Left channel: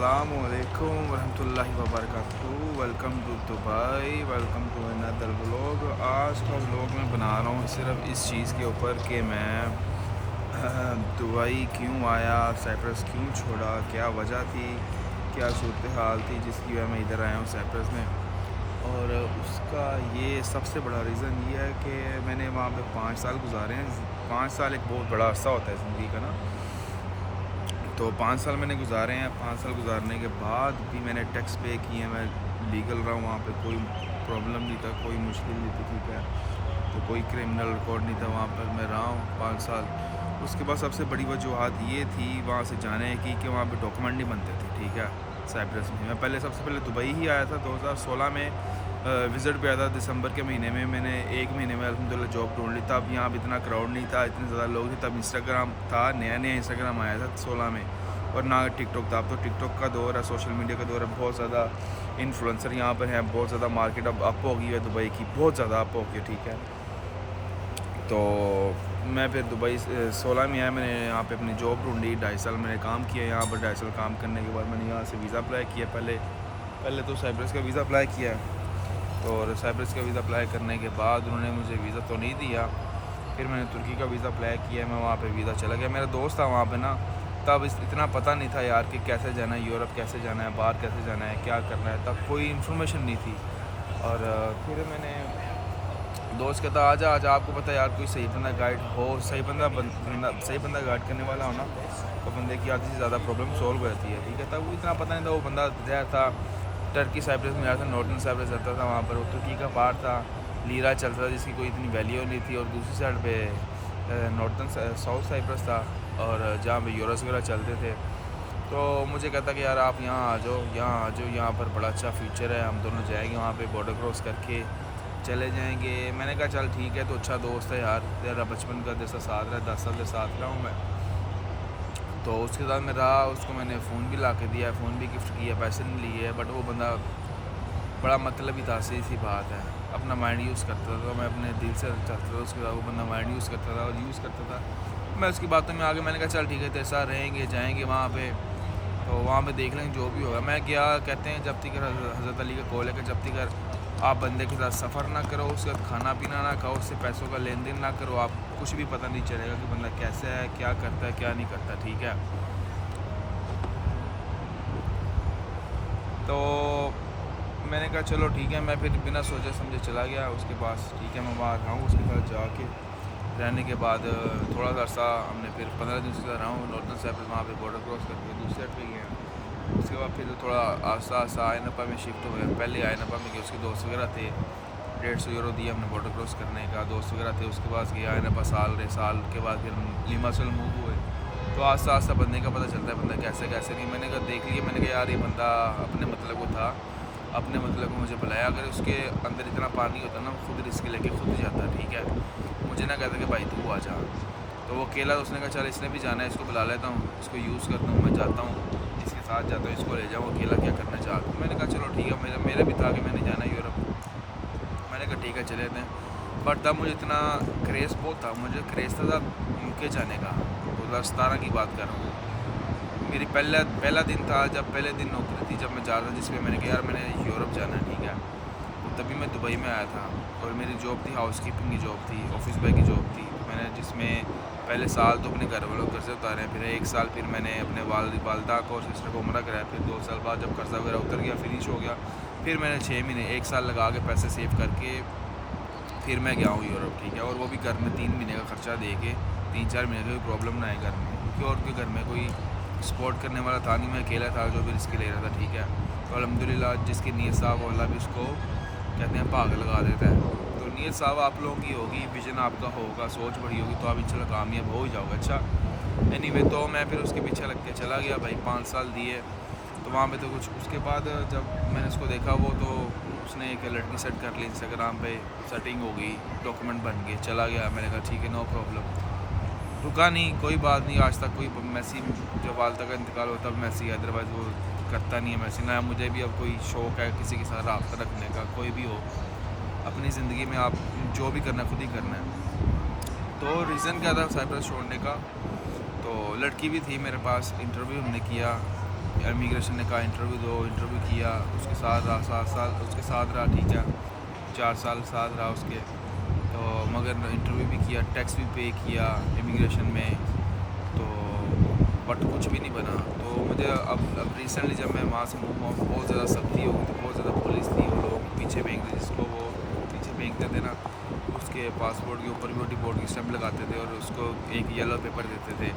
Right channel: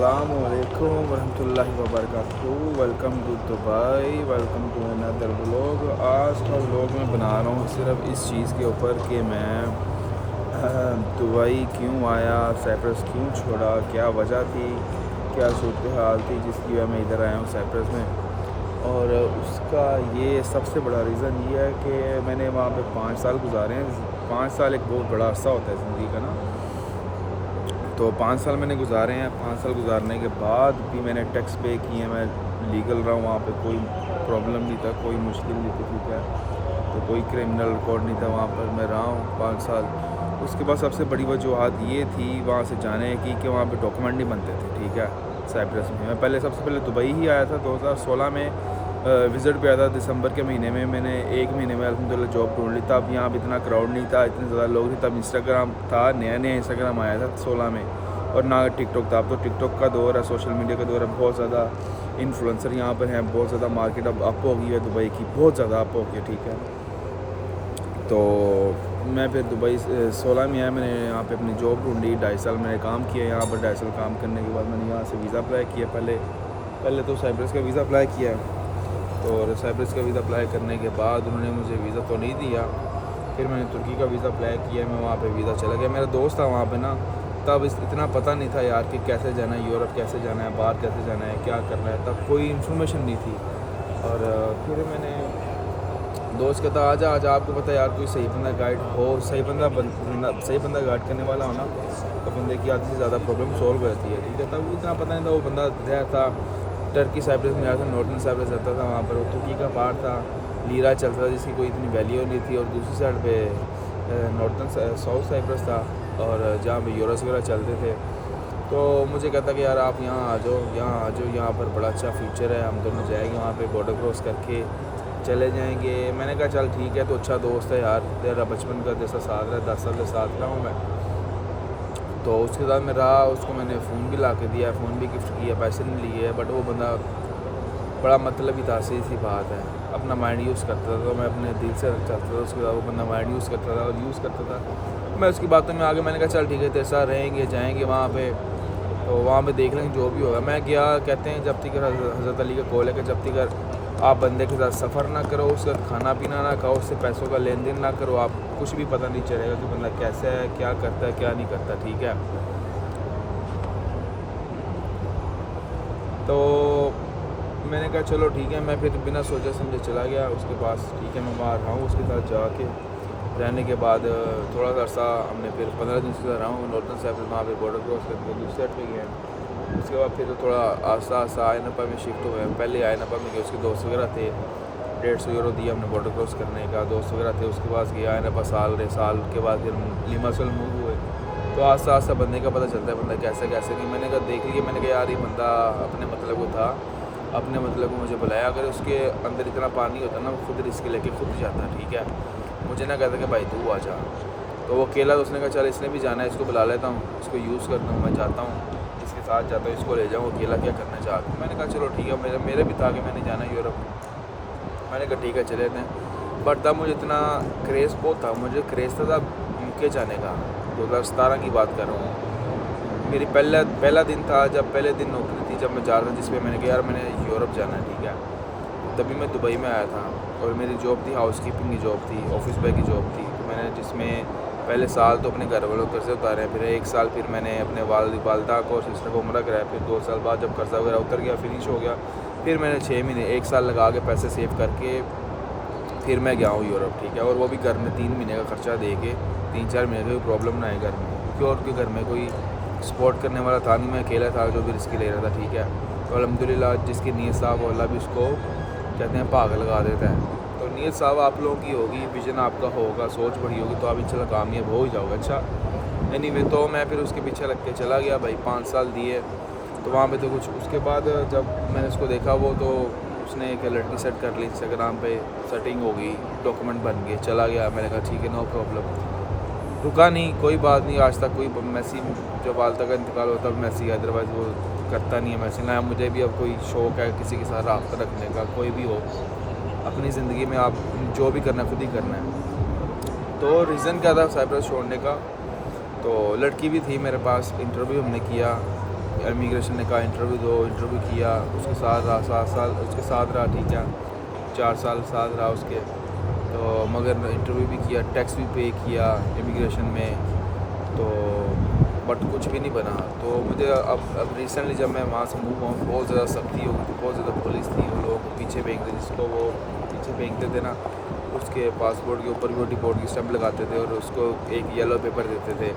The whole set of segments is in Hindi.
अस्सलामुअलैकुम वरहमतुल्लाहि वबरकातुहू। Welcome to Dubai, welcome to another vlog. आज का व्लॉग मैं बना रहा हूँ सिर्फ इस चीज़ के ऊपर कि मैं दुबई क्यों आया, साइप्रस क्यों छोड़ा, क्या वजह थी, क्या सूरत हाल थी जिसकी वजह मैं इधर आया हूँ साइप्रस में। और उसका ये सबसे बड़ा रीज़न ये है कि मैंने वहाँ पे 5 साल गुजारे हैं। 5 साल एक बहुत बड़ा अरसा होता है ज़िंदगी का ना। तो 5 साल मैंने गुजारे हैं। 5 साल गुजारने के बाद भी मैंने टैक्स पे किए, मैं लीगल रहा हूँ वहाँ पे, कोई प्रॉब्लम नहीं था, कोई मुश्किल नहीं थी, ठीक है। तो कोई क्रिमिनल रिकॉर्ड नहीं था वहाँ पर, मैं रहा हूँ 5 साल। उसके बाद सबसे बड़ी वजूहत ये थी वहाँ से जाने की कि वहाँ पे डॉक्यूमेंट नहीं बनते थे, ठीक है, साइप्रस में। मैं सबसे पहले दुबई ही आया था 2016 में, विज़िट पे आया था दिसंबर के महीने में। मैंने 1 महीने में अल्हम्दुलिल्लाह जॉब ढूंढ ली। तब यहाँ पे इतना क्राउड नहीं था, इतने ज़्यादा लोग थे। तब इंस्टाग्राम था, नया नया इंस्टाग्राम आया था 16 में, और ना टिकटॉक था। अब तो टिकटॉक का दौर है, सोशल मीडिया का दौर है। बहुत ज़्यादा इन्फ्लुएंसर यहाँ पर हैं, बहुत ज़्यादा मार्केट अब अप हो गई है दुबई की, बहुत ज़्यादा अप हो गई है, ठीक है। तो मैं फिर दुबई 16 में आया। मैंने यहाँ पे अपनी जॉब ढूंढी, 2.5 साल मैंने काम किया यहाँ पर। 2.5 साल काम करने के बाद मैंने यहाँ से वीज़ा अप्लाई किया। पहले तो साइप्रस का वीज़ा अप्लाई किया, तो साइप्रस का वीज़ा अप्लाई करने के बाद उन्होंने मुझे वीज़ा तो नहीं दिया। फिर मैंने तुर्की का वीज़ा अप्लाई किया, मैं वहाँ पे वीज़ा चला गया। मेरा दोस्त था वहाँ पे ना, तब इतना पता नहीं था यार कि कैसे जाना है, यूरोप कैसे जाना है, बाहर कैसे जाना है, क्या करना है, तब कोई इन्फॉर्मेशन नहीं थी। और फिर मैंने दोस्त कहता आजा आजा, आपको पता है यार कोई सही बंदा गाइड हो, सही बंदा गाइड करने वाला हो ना, तो बंदे की आधी से ज़्यादा प्रॉब्लम सॉल्व हो जाती है, ठीक है। तब इतना पता नहीं था। वो बंदा रहा था टर्की साइप्रस में, आया था, नॉर्थन साइप्रस रहता था वहाँ पर। वो तुर्की का पार्ट था, लीरा चलता था जिसकी कोई इतनी वैल्यू नहीं थी। और दूसरी साइड पे नॉर्थन साउथ साइप्रस था, और जहाँ पे यूरोस वगैरह चलते थे। तो मुझे कहता कि यार आप यहाँ आ जाओ, यहाँ पर बड़ा अच्छा फ्यूचर है, हम दोनों जाएंगे वहाँ पे, बॉर्डर क्रॉस करके चले जाएंगे। मैंने कहा चल ठीक है, तो अच्छा दोस्त है यार तेरा, बचपन का जैसा साथ रहा, 10 साल से साथ रहा हूँ मैं। तो उसके साथ मैं रहा, उसको मैंने फ़ोन भी ला के दिया, फ़ोन भी गिफ्ट किया, पैसे नहीं लिए। बट वो बंदा बड़ा मतलब ही था, सही सी बात है, अपना माइंड यूज़ करता था। तो मैं अपने दिल से चाहता था उसके बाद, वो बंदा माइंड यूज़ करता था और यूज़ करता था। मैं उसकी बातों में आगे, मैंने कहा चल ठीक है तेरे साथ रहेंगे, जाएंगे वहाँ पे, तो वहाँ पे देख लेंगे जो भी होगा। मैं गया, कहते हैं जब तक हज़रत अली का कॉल है कि जब तक आप बंदे के साथ सफ़र ना करो, उसके साथ खाना पीना ना खाओ, उससे पैसों का लेन देन ना करो, आप कुछ भी पता नहीं चलेगा कि बंदा कैसा है, क्या करता है, क्या नहीं करता, ठीक है। तो मैंने कहा चलो ठीक है, मैं फिर बिना सोचे समझे चला गया उसके पास, ठीक है। मैं वहाँ रहा हूँ उसके साथ जाके, रहने के बाद थोड़ा सा अर्सा हमने फिर 15 दिन से रहा हूँ नॉर्थन साइप्रस, वहाँ पे बॉर्डर क्रॉस करके दूसरी साइड पे गए हैं। उसके बाद फिर थोड़ा आस्ता आस्ता आयनपा में शिफ्ट हुए हैं। पहले आयनपा में गए, उसके दोस्त वगैरह थे, 150 यूरो दिया हमने बॉर्डर क्रॉस करने का, दोस्त वगैरह थे। उसके बाद गया आयनपा, साल के बाद फिर लिमासल मूव हुए। तो आस्ता आस्ता बंदे का पता चलता है बंदा कैसे कैसे नहीं। मैंने कहा देख लिया, मैंने कहा यार ये बंदा अपने मतलब को था, अपने मतलब को मुझे बुलाया। अगर उसके अंदर इतना पानी होता ना, वो खुद रिस्क लेके खुद जाता, ठीक है। मुझे ना कहता कि भाई तू आ जा। तो वो अकेला, तो उसने कहा चल इसने भी जाना है, इसको बुला लेता हूँ, इसको यूज़ करता हूँ, मैं जाता हूँ इसके साथ जाता हूँ, इसको ले जाऊँ, अकेला क्या करना चाहता हूँ। मैंने कहा चलो ठीक है, मेरे भी था कि मैंने जाना है यूरोप। मैंने कहा ठीक है चले थे। बट तब मुझे इतना क्रेज़ बहुत था, मुझे क्रेज़ था तब यूके जाने का, 2017 की बात कर रहा हूँ। मेरी पहला दिन था, जब पहले दिन नौकरी थी जब मैं जा रहा था, जिस पे मैंने कहा यार मैंने यूरोप जाना है, ठीक है। तभी मैं दुबई में आया था, और मेरी जॉब थी हाउस कीपिंग की जॉब थी, ऑफिस बॉय की जॉब थी। तो मैंने जिसमें पहले साल तो अपने घर वालों कर्ज़े उतारे, फिर 1 साल फिर मैंने अपने वालदा को और सिस्टर को उम्रा कराया। फिर 2 साल बाद जब कर्ज़ा वगैरह उतर गया, फिनिश हो गया, फिर मैंने 6 महीने 1 साल लगा के पैसे सेव करके फिर मैं गया हूँ यूरोप, ठीक है। और वो भी घर में 3 महीने का खर्चा दे के, 3-4 महीने का कोई प्रॉब्लम ना है घर में, क्योंकि और के घर में कोई सपोर्ट करने वाला था नहीं, मैं अकेला था जो भी रिस्क ले रहा था, ठीक है। तो अल्हम्दुलिल्लाह जिसकी नीयत साफ़ हो, अल्लाह भी उसको कहते हैं भाग लगा देता है। तो नीयत साफ़ आप लोगों की होगी, विजन आपका होगा, सोच बड़ी होगी, तो आप इंशाल्लाह कामयाब हो ही जाओगे। अच्छा एनीवे, तो मैं फिर उसके पीछे लग के चला गया भाई, 5 साल दिए। तो वहाँ पे तो कुछ, उसके बाद जब मैंने उसको देखा, वो तो उसने एक लड़की सेट कर ली इंस्टाग्राम पे, सेटिंग हो गई, डॉक्यूमेंट बन गए, चला गया। मैंने कहा ठीक है नो प्रॉब्लम, रुका नहीं, कोई बात नहीं। आज तक कोई मैसेज, जब वालदा का इंतकाल होता है मैसेज, अदरवाइज़ वो करता नहीं है मैसेज ना। मुझे भी अब कोई शौक़ है किसी के साथ रब्ता रखने का, कोई भी हो अपनी ज़िंदगी में, आप जो भी करना है खुद ही करना है। तो रीज़न क्या था साइप्रस छोड़ने का, तो लड़की भी थी मेरे पास, इंटरव्यू हमने किया, इमिग्रेशन ने कहा इंटरव्यू दो, इंटरव्यू किया, उसके साथ रहा 7 साल, उसके साथ रहा, ठीक है 4 साल साथ रहा उसके, तो मगर इंटरव्यू भी किया, टैक्स भी पे किया इमिग्रेशन में, तो बट कुछ भी नहीं बना। तो मुझे अब रिसेंटली जब मैं वहाँ से मूव हुआ, बहुत ज़्यादा सख्ती हो गई थी, बहुत ज़्यादा पुलिस थी, लोगों को पीछे फेंकते, जिसको वो पीछे फेंकते थे ना, उसके पासपोर्ट के ऊपर भी वो डिपोर्ट की स्टैंप लगाते थे और उसको एक येलो पेपर देते थे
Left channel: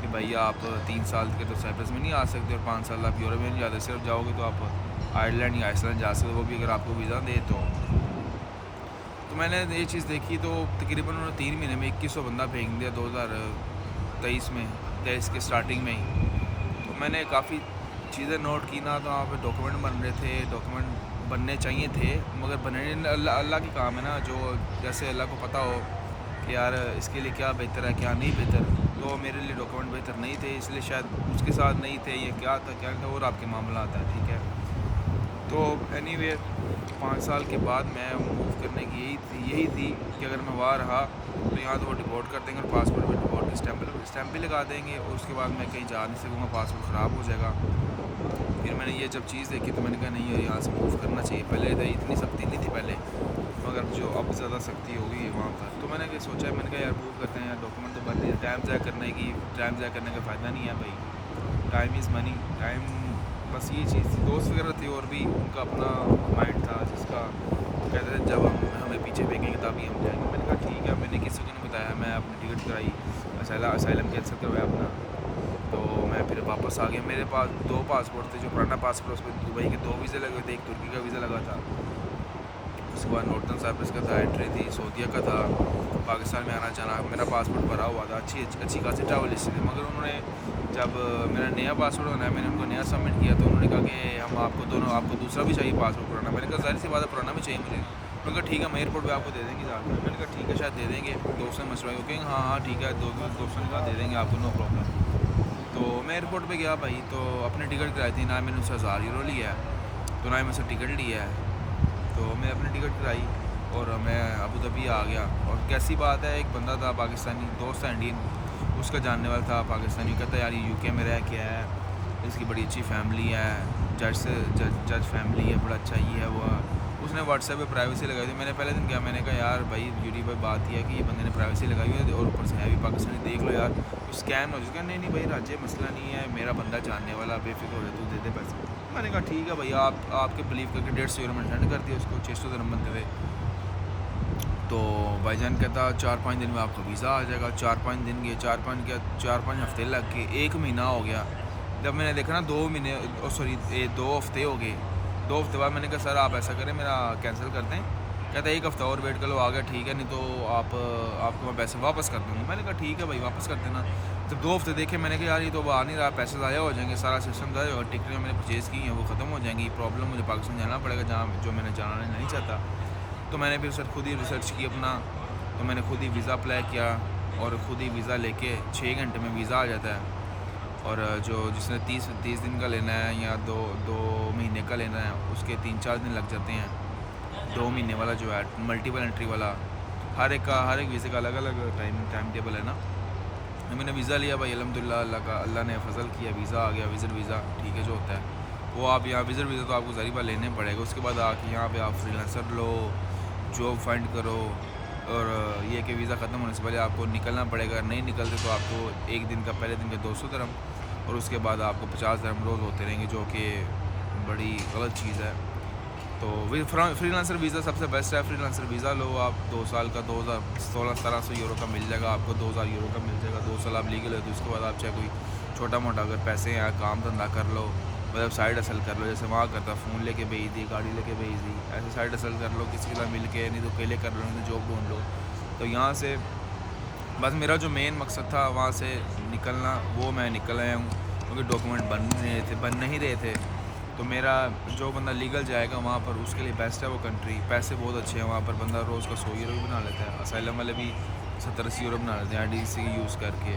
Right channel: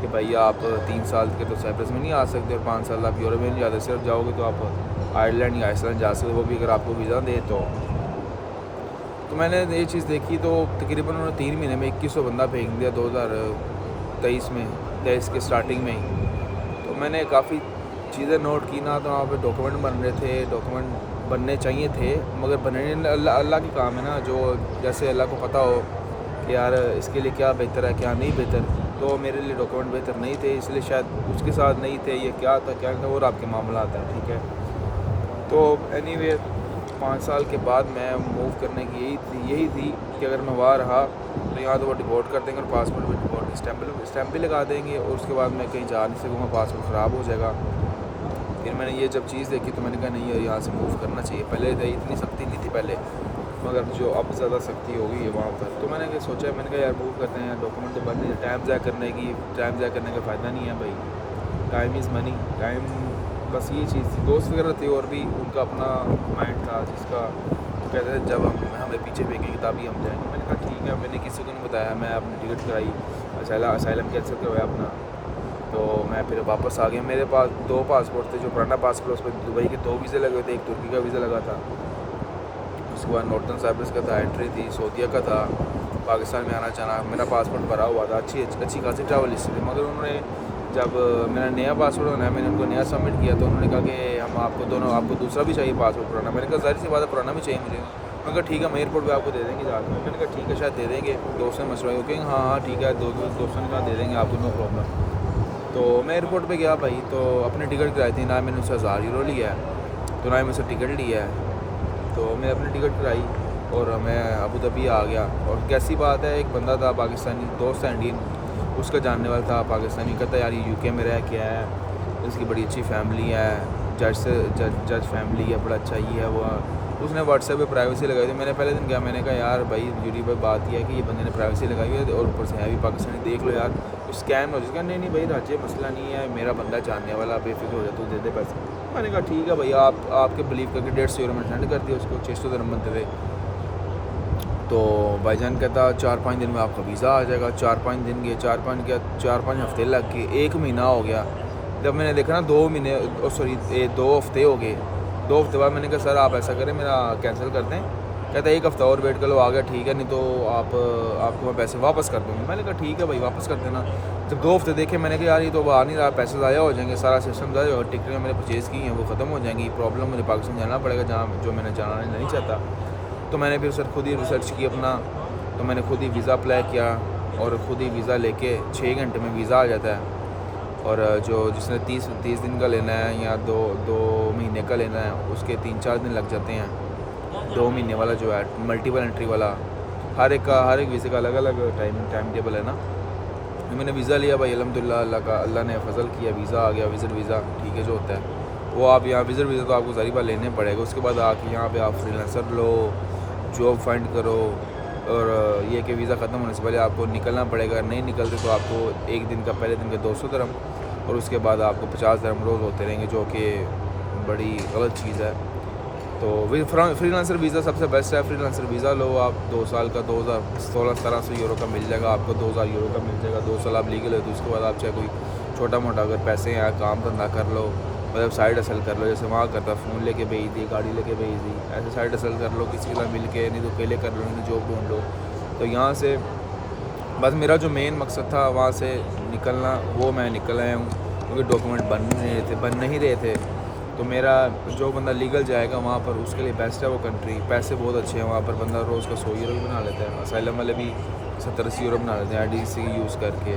कि भैया आप 3 साल के तो साइप्रस में नहीं आ सकते और 5 साल आप यूरोप में नहीं जाते, सिर्फ जाओगे तो आप आयरलैंड या आइसलैंड जा सकते, वो भी अगर आपको वीज़ा दे तो मैंने ये चीज़ देखी, तो तकरीबन उन्होंने 3 महीने में 2100 बंदा फेंक दिया 2023 के स्टार्टिंग में ही। तो मैंने काफ़ी चीज़ें नोट की ना, तो वहाँ पे डॉक्यूमेंट बन रहे थे, डॉक्यूमेंट बनने चाहिए थे मगर बनने अल्लाह की काम है ना, जो जैसे अल्लाह को पता हो कि यार इसके लिए क्या बेहतर है क्या नहीं बेहतर, तो मेरे लिए डॉक्यूमेंट बेहतर नहीं थे, इसलिए शायद उसके साथ नहीं थे, ये क्या था क्या था और आपके मामला आता है, ठीक है। तो एनीवे 5 साल के बाद मैं मूव करने की यही थी कि अगर मैं वहाँ रहा तो यहाँ तो वो डिपोर्ट कर देंगे और पासपोर्ट भी डिपोर्ट की स्टैम्प भी लगा देंगे और उसके बाद मैं कहीं जा नहीं सकूँगा, पासपोर्ट ख़राब हो जाएगा। फिर मैंने ये जब चीज़ देखी तो मैंने कहा नहीं यार यहाँ से मूव करना चाहिए। पहले इतनी सख्ती नहीं थी पहले, मगर जो अब ज़्यादा सख्ती हो गई है वहाँ पर, तो मैंने सोचा, मैंने कहा यार मूव करते हैं, डॉक्यूमेंट तो बन नहीं, टाइम ज़ाया करने का फ़ायदा नहीं है भाई, टाइम इज़ मनी, टाइम, बस ये चीज़ थी। दोस्त वगैरह थे और भी उनका अपना माइंड था जिसका, तो कहते थे जब हमें पीछे फेंकेंगे तभी हम जाएंगे। मैंने कहा ठीक है, मैंने किसी को नहीं बताया, मैं अपनी टिकट कराई, असाइलम कैंसिल करवाया अपना, तो मैं फिर वापस आ गया। मेरे पास 2 पासपोर्ट थे, जो पुराना पासपोर्ट उस पर दुबई के 2 वीज़े लगे थे, एक तुर्की का वीज़ा लगा था, उसके बाद नॉर्थन साइप्रस का था, एंट्री थी, सऊदीया का था, पाकिस्तान में आना जाना, मेरा पासपोर्ट भरा हुआ था, अच्छी खासी ट्रैवल हिस्ट्री थी। मगर उन्होंने जब मेरा नया पासपोर्ट बनाया, मैंने उनको नया सबमिट किया, तो उन्होंने कहा कि हम आपको दूसरा भी चाहिए पासपोर्ट पुराना। मैंने कहा ज़ाहिर सी बात है पुराना भी चाहिए मुझे। उन्होंने कहा ठीक है, हम एयरपोर्ट पे आपको दे देंगे जाकर। मैंने कहा ठीक है, शायद दे देंगे, दोस्त ने मशवरा किया, हाँ ठीक है, दोस्तों ने कहा दे देंगे आपको, नो प्रॉब्लम। तो मैं एयरपोर्ट पे गया भाई, तो अपनी टिकट कराई थी, ना मैंने उससे 1000 यूरो लिया है, तो ना ही मुझसे टिकट लिया है, तो मैं अपनी टिकट कराई और मैं अबू धाबी आ गया। और कैसी बात है, एक बंदा था पाकिस्तानी, दोस्त था इंडियन, उसका जानने वाला था पाकिस्तानी, कहता यार ये यूके में रह के है, इसकी बड़ी अच्छी फैमिली है, जज फैमिली है, बड़ा अच्छा ये है वो। उसने व्हाट्सएप पे प्राइवेसी लगाई थी। मैंने पहले दिन गया, मैंने कहा यार भाई यूट्यूब पर बात यह है कि ये बंदे ने प्राइवेसी लगाई हुई है और ऊपर से है भी पाकिस्तानी, देख लो यार कुछ स्कैम हो जाएगा। नहीं भाई राज्य मसला नहीं है, मेरा बंदा जानने वाला, बेफिक्र हो जाए, तू दे दे पैसे। मैंने कहा ठीक है भैया, आपके बिलीव करके 150 यूरो मैंने सेंड कर दिया उसको, 600 दिरहम बनते थे। तो भाईजान कहता 4-5 दिन में आपका वीज़ा आ जाएगा। 4-5 दिन गए, 4-5 हफ्ते लग गए, 1 महीना हो गया। जब मैंने देखा ना 2 हफ्ते हो गए, 2 हफ्ते बाद मैंने कहा सर आप ऐसा करें, मेरा कैंसिल कर दें। कहता 1 हफ्ता और वेट कर लो, आ गया ठीक है, नहीं तो आपको मैं पैसे वापस कर दूँगा। मैंने कहा ठीक है भाई, वापस कर देना। जब 2 हफ्ते देखे, मैंने कहा यार ये तो आ नहीं रहा, पैसे ज़ाया हो जाएंगे, सारा सिस्टम ज़ाया होगा, टिकटें मैंने परचेज़ की हैं वो ख़त्म हो जाएंगी, प्रॉब्लम मुझे पाकिस्तान जाना पड़ेगा जहाँ जो मैंने जाना नहीं चाहता। तो मैंने फिर सर खुद ही रिसर्च की अपना, तो मैंने खुद ही वीज़ा अप्लाई किया और ख़ुद ही वीज़ा लेके 6 घंटे में वीज़ा आ जाता है। और जिसने 30 दिन का लेना है या दो महीने का लेना है, उसके 3-4 दिन लग जाते हैं। 2 महीने वाला जो है मल्टीपल एंट्री वाला, हर एक वीज़े का अलग अलग टाइम टेबल है ना। तो मैंने वीज़ा लिया भाई, अल्हम्दुलिल्लाह अल्लाह ने फजल किया, वीज़ा आ गया, विज़िट वीज़ा, ठीक है जो होता है वो आप यहाँ विज़िट वीज़ा तो आपको सारी बार लेने पड़ेगा। उसके बाद आके यहाँ पे आप फ्रीलांसर लो, जॉब फाइंड करो, और ये कि वीज़ा ख़त्म होने से पहले आपको निकलना पड़ेगा। नहीं निकलते तो आपको पहले दिन का 200 दिरहम और उसके बाद आपको 50 दिरहम रोज़ होते रहेंगे, जो कि बड़ी गलत चीज़ है। तो फ्रीलांसर वीज़ा सबसे बेस्ट है। फ्रीलांसर वीज़ा लो आप, 2 साल का 2016-1700 यूरो का मिल जाएगा आपको, 2000 यूरो का मिल जाएगा। 2 साल आप लीगल है, तो उसके बाद आप चाहे कोई छोटा मोटा अगर पैसे हैं काम धंधा कर लो, मतलब साइड हसल कर लो, जैसे वहाँ करता फ़ोन लेके भेज दी, गाड़ी लेके भेज दी, ऐसे साइड हसल कर लो किसी के साथ मिल के, नहीं तो अकेले कर लो, नहीं तो जॉब ढूंढ लो। तो यहाँ से बस मेरा जो मेन मकसद था वहाँ से निकलना, वो मैं निकल आया हूँ, क्योंकि डॉक्यूमेंट बन नहीं रहे थे। तो मेरा जो बंदा लीगल जाएगा वहाँ पर, उसके लिए बेस्ट है वो कंट्री, पैसे बहुत अच्छे हैं वहाँ पर, बंदा रोज़ का 100 यूरो भी बना लेता है, असाइलम वाले भी 70-80 यूरो बना लेते हैं IDC यूज़ करके।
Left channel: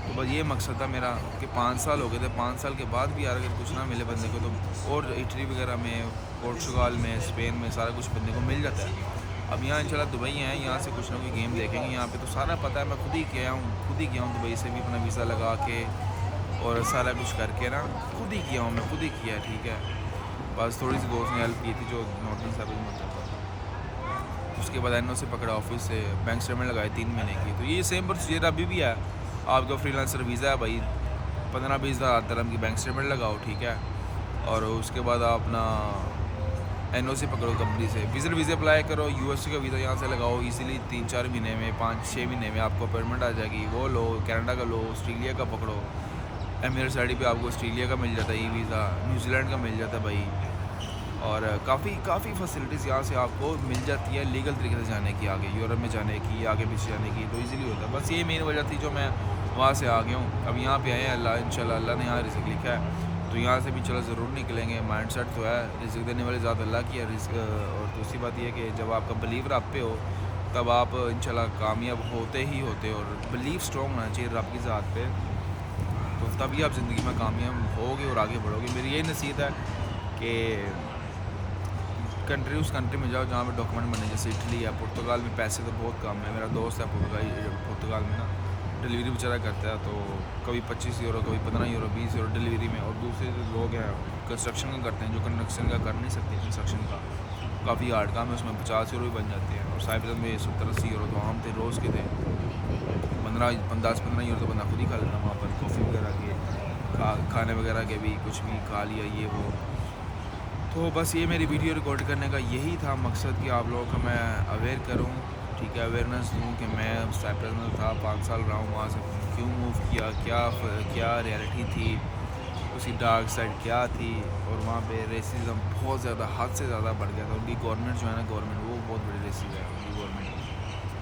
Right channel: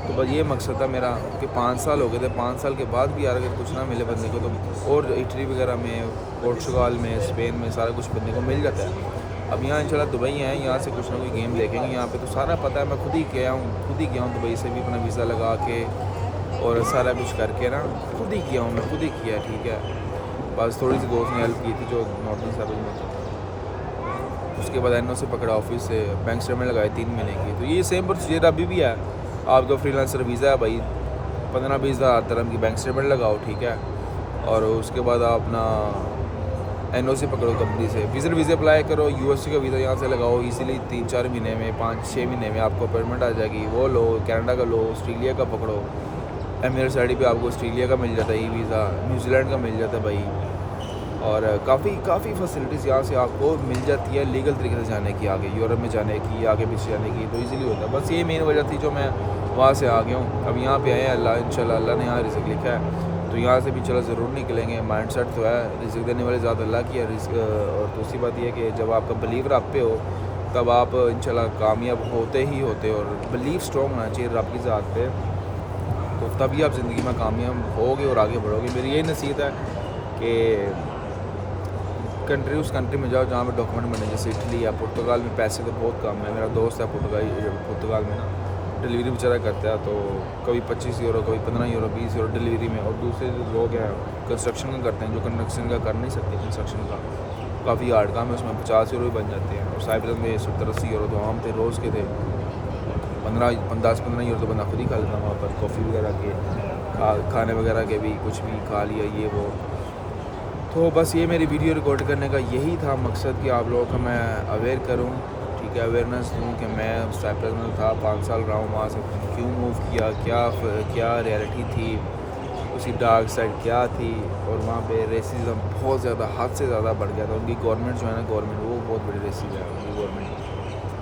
तो बस ये मकसद था मेरा कि 5 साल हो गए थे, 5 साल के बाद भी यार अगर कुछ ना मिले बंदे को, तो और इटली वगैरह में, पोर्चुगाल में, स्पेन में सारा कुछ बंदे को मिल जाता है। अब यहाँ इंशाल्लाह दुबई है, यहाँ से कुछ ना कोई गेम देखेंगे। यहाँ पे तो सारा पता है, मैं खुद ही गया हूँ दुबई से भी अपना वीज़ा लगा के, और सारा कुछ करके ना खुद ही किया हूँ, मैं खुद ही किया, ठीक है। बस थोड़ी सी दोस्त ने हेल्प की थी जो नॉर्थ ईस्ट में होता था। उसके बाद एनओ से पकड़ा, ऑफिस से बैंक स्टेटमेंट लगाए 3 महीने की। तो ये सेम प्रोसीजर अभी भी है। आपका फ्रीलांसर वीज़ा है भाई, 15-20 हज़ार dirham की बैंक स्टेटमेंट लगाओ, ठीक है। और उसके बाद आप अपना एनओसी पकड़ो कंपनी से, विजिट वीज़ा अप्लाई करो, यूएसए का वीज़ा यहाँ से लगाओ इजीली 3-4 महीने में, 5-6 महीने में आपको अपॉइंटमेंट आ जाएगी। वो लो, कनाडा का लो, ऑस्ट्रेलिया का पकड़ो, एमिरेट्स आईडी पे आपको ऑस्ट्रेलिया का मिल जाता है ई वीज़ा, न्यूजीलैंड का मिल जाता है भाई। और काफ़ी फैसिलिटीज़ यहाँ से आपको मिल जाती है लीगल तरीके से जाने की, आगे यूरोप में जाने की, आगे पीछे जाने की, तो इजीली होता है। बस ये मेन वजह थी जो मैं वहाँ से आ गया हूँ। अब यहाँ पे आए हैं, अल्लाह इंशाल्लाह अल्लाह ने यहाँ रिज़्क लिखा है तो यहाँ से भी चलो ज़रूर निकलेंगे। माइंड सेट तो है, रिज़्क देने वाले ज़्यादा अल्लाह की है। और दूसरी बात यह कि जब आपका बिलीव रब पे हो तब आप इंशाल्लाह कामयाब होते ही होते, और बिलीव स्ट्रॉन्ग होना चाहिए रब की ज़ात पे, तो तभी आप ज़िंदगी में कामयाब होगे और आगे बढ़ोगे। मेरी यही नसीहत है कि उस कंट्री में जाओ जहाँ पे डॉक्यूमेंट बने, जैसे इटली या पुर्तगाल में पैसे तो बहुत कम है। मेरा दोस्त है पुर्तगाल में ना, डिलीवरी बेचारा करता है, तो कभी 25 यूरो, कभी 15 यूरो, 20 यूरो डिलीवरी में। और दूसरे जो लोग हैं कंस्ट्रक्शन का करते हैं, जो कंस्ट्रक्शन का कर नहीं सकते, कंस्ट्रक्शन का काफ़ी हार्ड काम है, उसमें 50 यूरो भी बन जाते हैं। और साइप्रस में 70-80 यूरो तो आम थे, रोज़ के थे। 10-15 यूरो तो बंदा खुद ही खा लेता वहाँ पर, कॉफ़ी वगैरह के, खाने वगैरह के भी कुछ भी खा लिया ये वो। तो बस ये मेरी वीडियो रिकॉर्ड करने का यही था मकसद कि आप लोगों को मैं अवेयर करूं, ठीक है, अवेयरनेस दूं कि मैं साइप्रस में था, 5 साल रहा हूँ वहाँ से, क्यों मूव किया, क्या रियलिटी थी, उसकी डार्क साइड क्या थी। और वहाँ पे रेसिज्म बहुत ज़्यादा, हद से ज़्यादा बढ़ गया था। उनकी गवर्नमेंट जो है ना, गवर्नमेंट वो बहुत बड़ी रेसिज है उनकी गवर्नमेंट।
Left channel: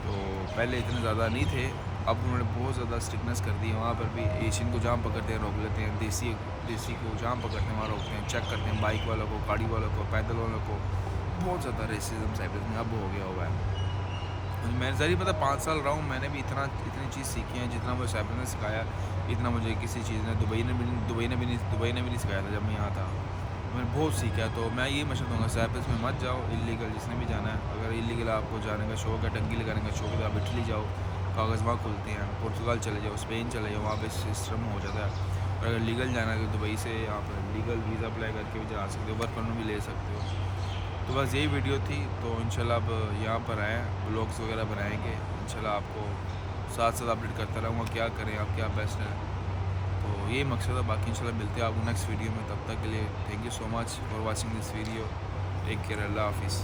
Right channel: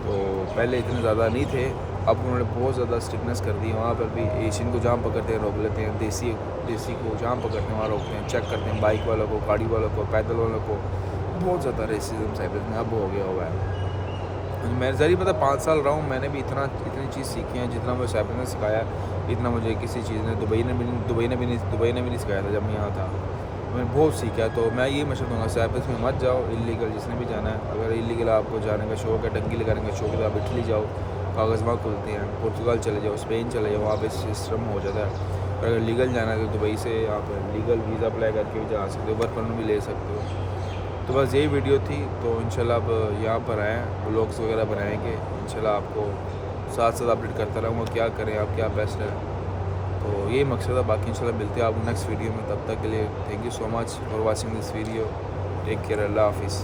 तो पहले इतने ज़्यादा नहीं थे, अब उन्होंने बहुत ज़्यादा स्ट्रिक्टनेस कर दी है। वहाँ पर भी एशियन को जहाँ पकड़ते हैं रोक लेते हैं, देसी को जहाँ पकड़ते हैं वहाँ रोकते हैं, चेक करते हैं बाइक वालों को, गाड़ी वालों को, पैदल वालों को। बहुत ज़्यादा रेसिज्म साइप्रस में अब हो गया हुआ है। मैं ज़रूर पता 5 साल रहा हूँ, मैंने भी इतनी चीज़ सीखी है जितना मुझे साइप्रस ने सिखाया, इतना मुझे किसी चीज़ ने दुबई ने भी नहीं सिखाया था जब मैं यहाँ था। मैंने बहुत सीखा है। तो मैं ये मशवरा दूँगा, साइप्रस में मत जाओ इलीगल, जिसने भी जाना है। अगर इलीगल आपको जाने का शौक है, टंकी लगाने का शौक है, तो आप इटली जाओ, कागज़ वहाँ खुलते हैं। पुर्तगाल चले जाओ, स्पेन चले जाओ, वहाँ पे सिस्टम हो जाता है। और अगर लीगल जाना है तो दुबई से आप लीगल वीज़ा अप्लाई करके भी जा सकते हो, वर्क परमिट भी ले सकते हो। तो बस यही वीडियो थी। तो इंशाल्लाह अब यहाँ पर आए, व्लॉग्स वगैरह बनाएंगे इंशाल्लाह, आपको साथ साथ अपडेट करता रहूँगा क्या करें आप, क्या बेस्ट है। तो यही मकसद है। बाकी इंशाल्लाह मिलते हैं आपको नेक्स्ट वीडियो में। तब तक के लिए thank you so much for watching this video. Take care, अल्लाह हाफिज़।